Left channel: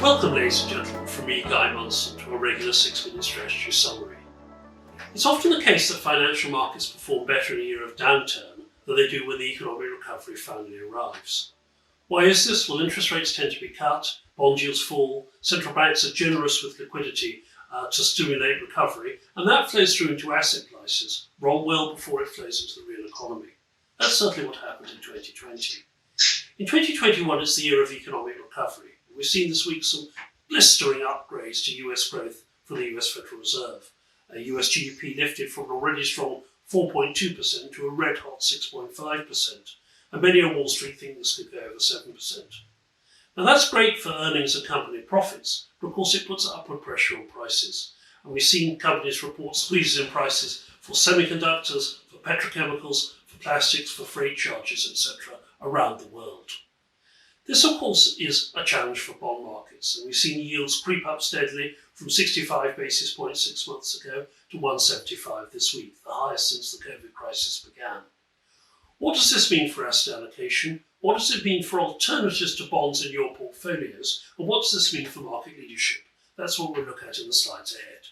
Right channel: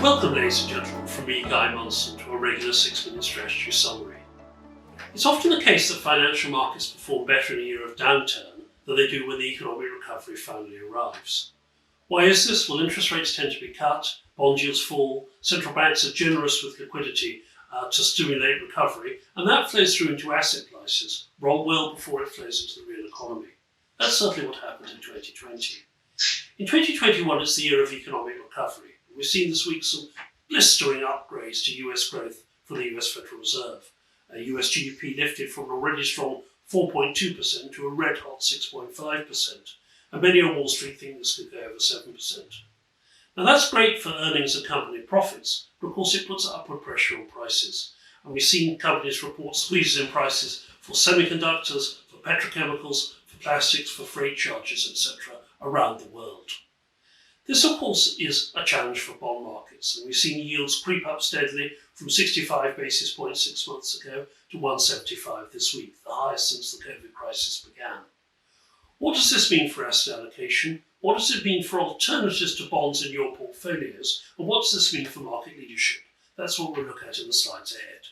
Welcome, ladies and gentlemen, from me, Guy Monson, to a regular 6-minute strategy summary. It's often the case that financial markets perform better in a year of downturn than they do when the economic recovery finally arrives. Why is this? Well, interest rates tend to be cut, bond yields fall, central banks are generous with liquidity to stimulate recovery, and that flows through into asset prices well before it flows into the real economy. That's certainly what happened in 2020. In 2021, it's the year of economic recovery. We've seen this week some blistering upgrades to US growth from the US Federal Reserve. US GDP lifted from an already strong 4.2% to a red-hot 6.5%, and many on Wall Street think this could go over 7%. Now that's great for earnings and company profits, but of course it puts upward pressure on prices. And we've seen companies report squeezes in prices for semiconductors, for petrochemicals, for plastics, for freight charges, etc. around the world. This, of course, is a challenge for bond markets, and we've seen yields creep up steadily from 65 basis points 6 months ago to 175 this week, the highest since the COVID crisis began. What does this mean for asset allocation? What does it mean for alternatives to bonds in your portfolios? And what does this mean for market leadership? That's what we'll look at in the slides ahead.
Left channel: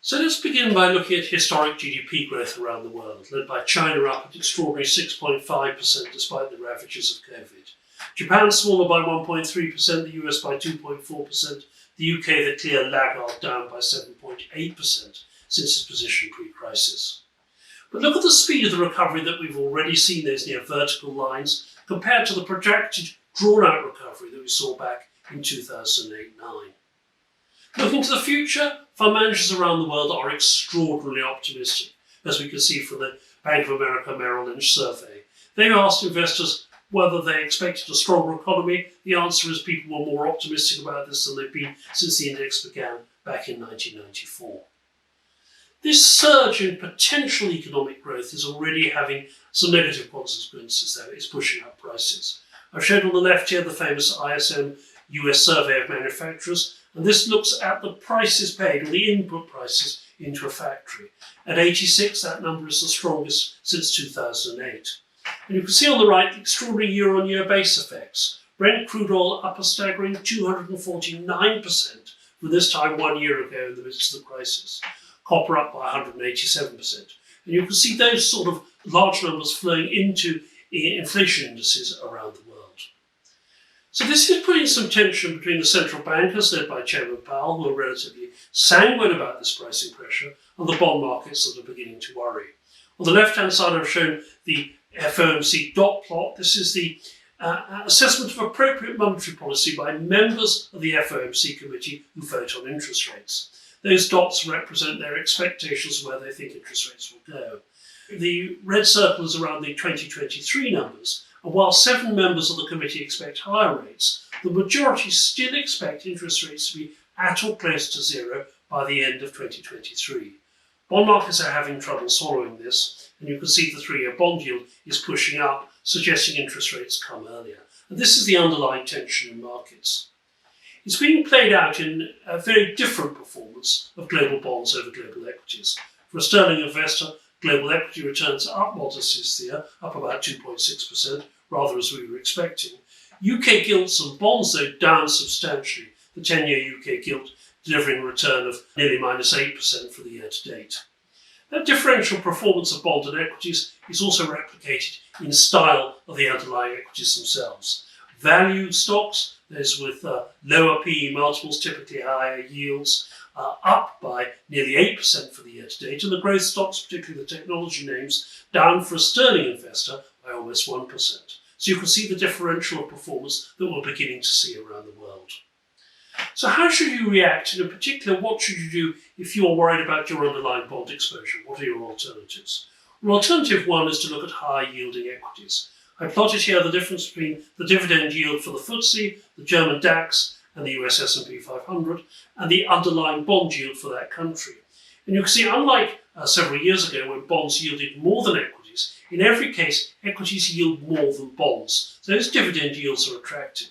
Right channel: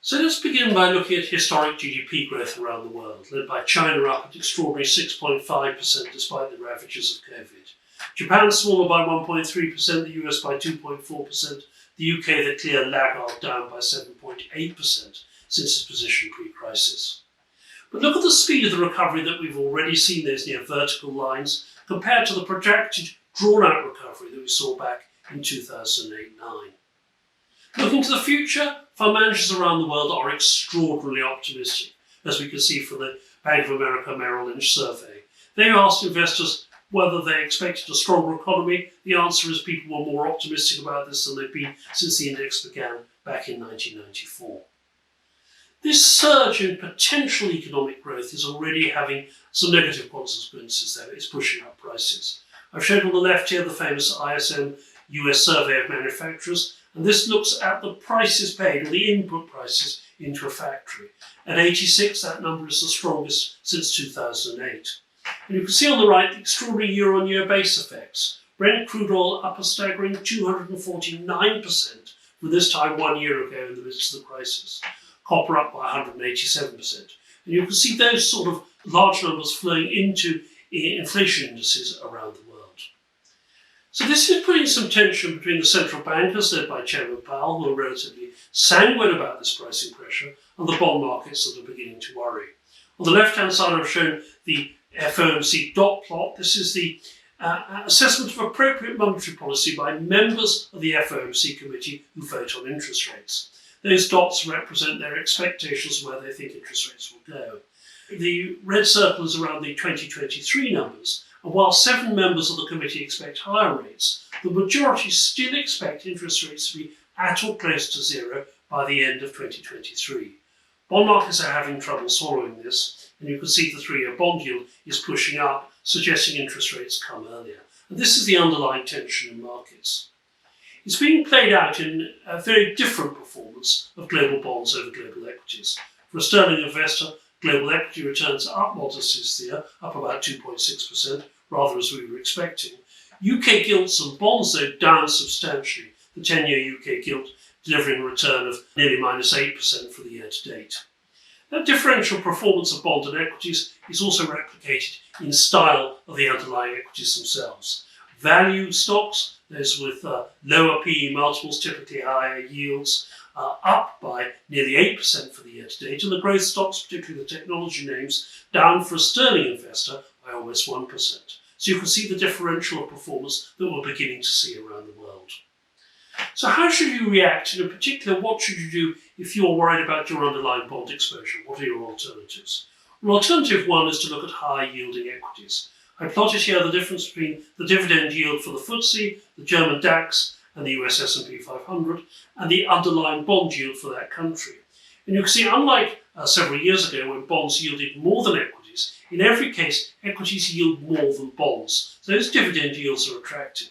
So let's begin by looking at historic GDP growth around the world, led by China up at extraordinary 6.5% despite the ravages of COVID. Japan smaller by 1.3%, the US by 2.4%, the UK the clear laggard down by 7.8% since its position pre-crisis. But look at the speed of the recovery that we've already seen, those near vertical lines, compared to the projected drawn-out recovery that we saw back in 2008-9. Looking to the future, fund managers around the world are extraordinarily optimistic, as we can see from the Bank of America Merrill Lynch survey. They asked investors whether they expected a stronger economy. The answer is people were more optimistic about this than they've been since the index began back in 1994. This surge in potential economic growth is already having some negative consequences, though. It's pushing up prices. I've shown on the left here the famous ISM US survey of manufacturers, and this looks at the prices paid, or the input prices, into a factory. At 86, that number is the strongest since 2008. And you can see on the right the extraordinary year-on-year base effects. Brent crude oil up a staggering 249% from this time 1 year ago in the midst of the crisis. Copper up by 187%. And you can see those sort of large numbers flowing into inflation indices around the world. So this is putting some tension between the central bankers, led by Chairman Powell, who are relatively sanguine about this pricing pressure, and the bond markets that are beginning to worry. On the left-hand side, I've shown the FOMC dot plot. This is the assessment of appropriate monetary policy by members of the FOMC committee who vote on interest rates. Those dots represent their expectations of where they think interest rates will go. The red circle is around the 2023 numbers, and while 7 members of the committee expect higher rates, the majority still expect interest rates to be at or close to zero by the end of 2023. Bond markets are having trouble swallowing this, and you can see the 3-year bond yield is pushing up, suggesting interest rates come earlier. And this is the underlying tension in markets. It's being played out in a very different performance of global bonds over global equities. For a sterling investor, global equity returns are up modestly this year, up about 2.6%, rather as we were expecting. UK gilts and bonds, though, down substantially. The 10-year UK gilt delivering a return of nearly -8% for the year to date. That differential performance of bond and equities is also replicated in style of the underlying equities themselves. Value stocks, those with lower PE multiples, typically higher yields, are up by nearly 8% for the year to date, and the growth stocks, particularly the technology names, down for a sterling investor by almost 1%. So you can see the differential of performance that we're beginning to see around the world. So how should you react, and in particular, what should you do if you're worried about your underlying bond exposure? What are your alternatives? Well, alternative one is to look at high-yielding equities. I plotted here the difference between the dividend yield for the FTSE, the German DAX, and the US S&P 500, and the underlying bond yield for that country. And you can see, unlike several years ago when bonds yielded more than equities, in every case, equities yield more than bonds. So those dividend yields are attractive.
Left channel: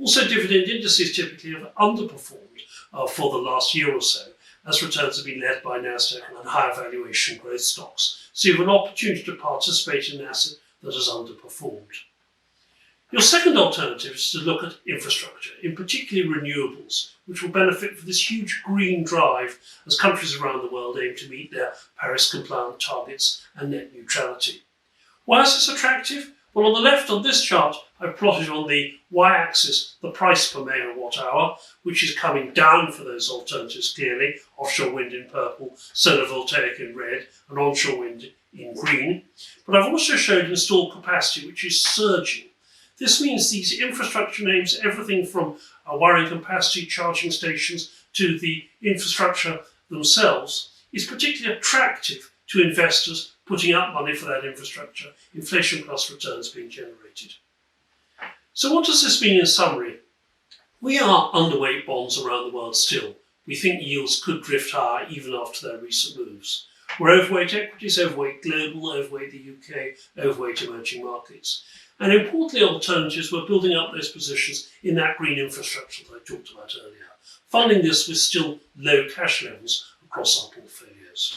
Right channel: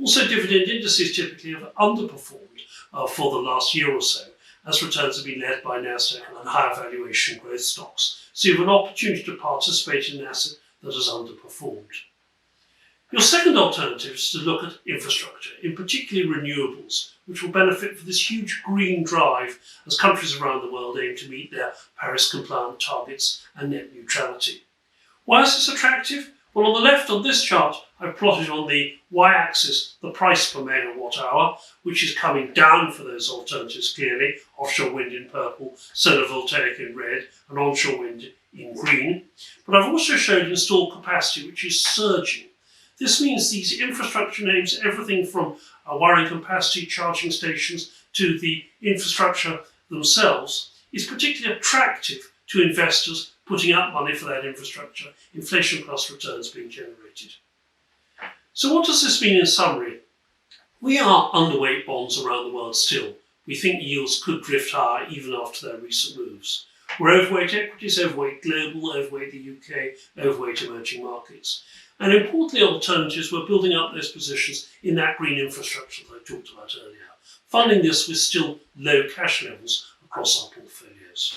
Also, dividend indices typically have underperformed for the last year or so, as returns have been led by Nasdaq and higher valuation growth stocks. So you have an opportunity to participate in an asset that has underperformed. Your second alternative is to look at infrastructure, in particular renewables, which will benefit from this huge green drive as countries around the world aim to meet their Paris-compliant targets and net neutrality. Why is this attractive? Well, on the left on this chart, I've plotted on the y-axis the price per megawatt hour, which is coming down for those alternatives clearly, offshore wind in purple, solar voltaic in red, and onshore wind in green. But I've also showed installed capacity, which is surging. This means these infrastructure names, everything from wiring capacity, charging stations, to the infrastructure themselves, is particularly attractive to investors putting up money for that infrastructure, inflation plus returns being generated. So what does this mean in summary? We are underweight bonds around the world still. We think yields could drift higher even after their recent moves. We're overweight equities, overweight global, overweight the UK, overweight emerging markets. And importantly, alternatives, we're building up those positions in that green infrastructure that I talked about earlier, funding this with still low cash levels across our portfolios.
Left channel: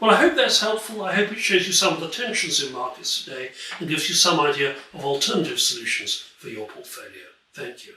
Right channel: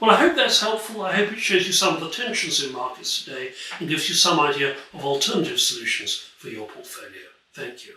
Well, I hope that's helpful. I hope it shows you some of the tensions in markets today and gives you some idea of alternative solutions for your portfolio. Thank you.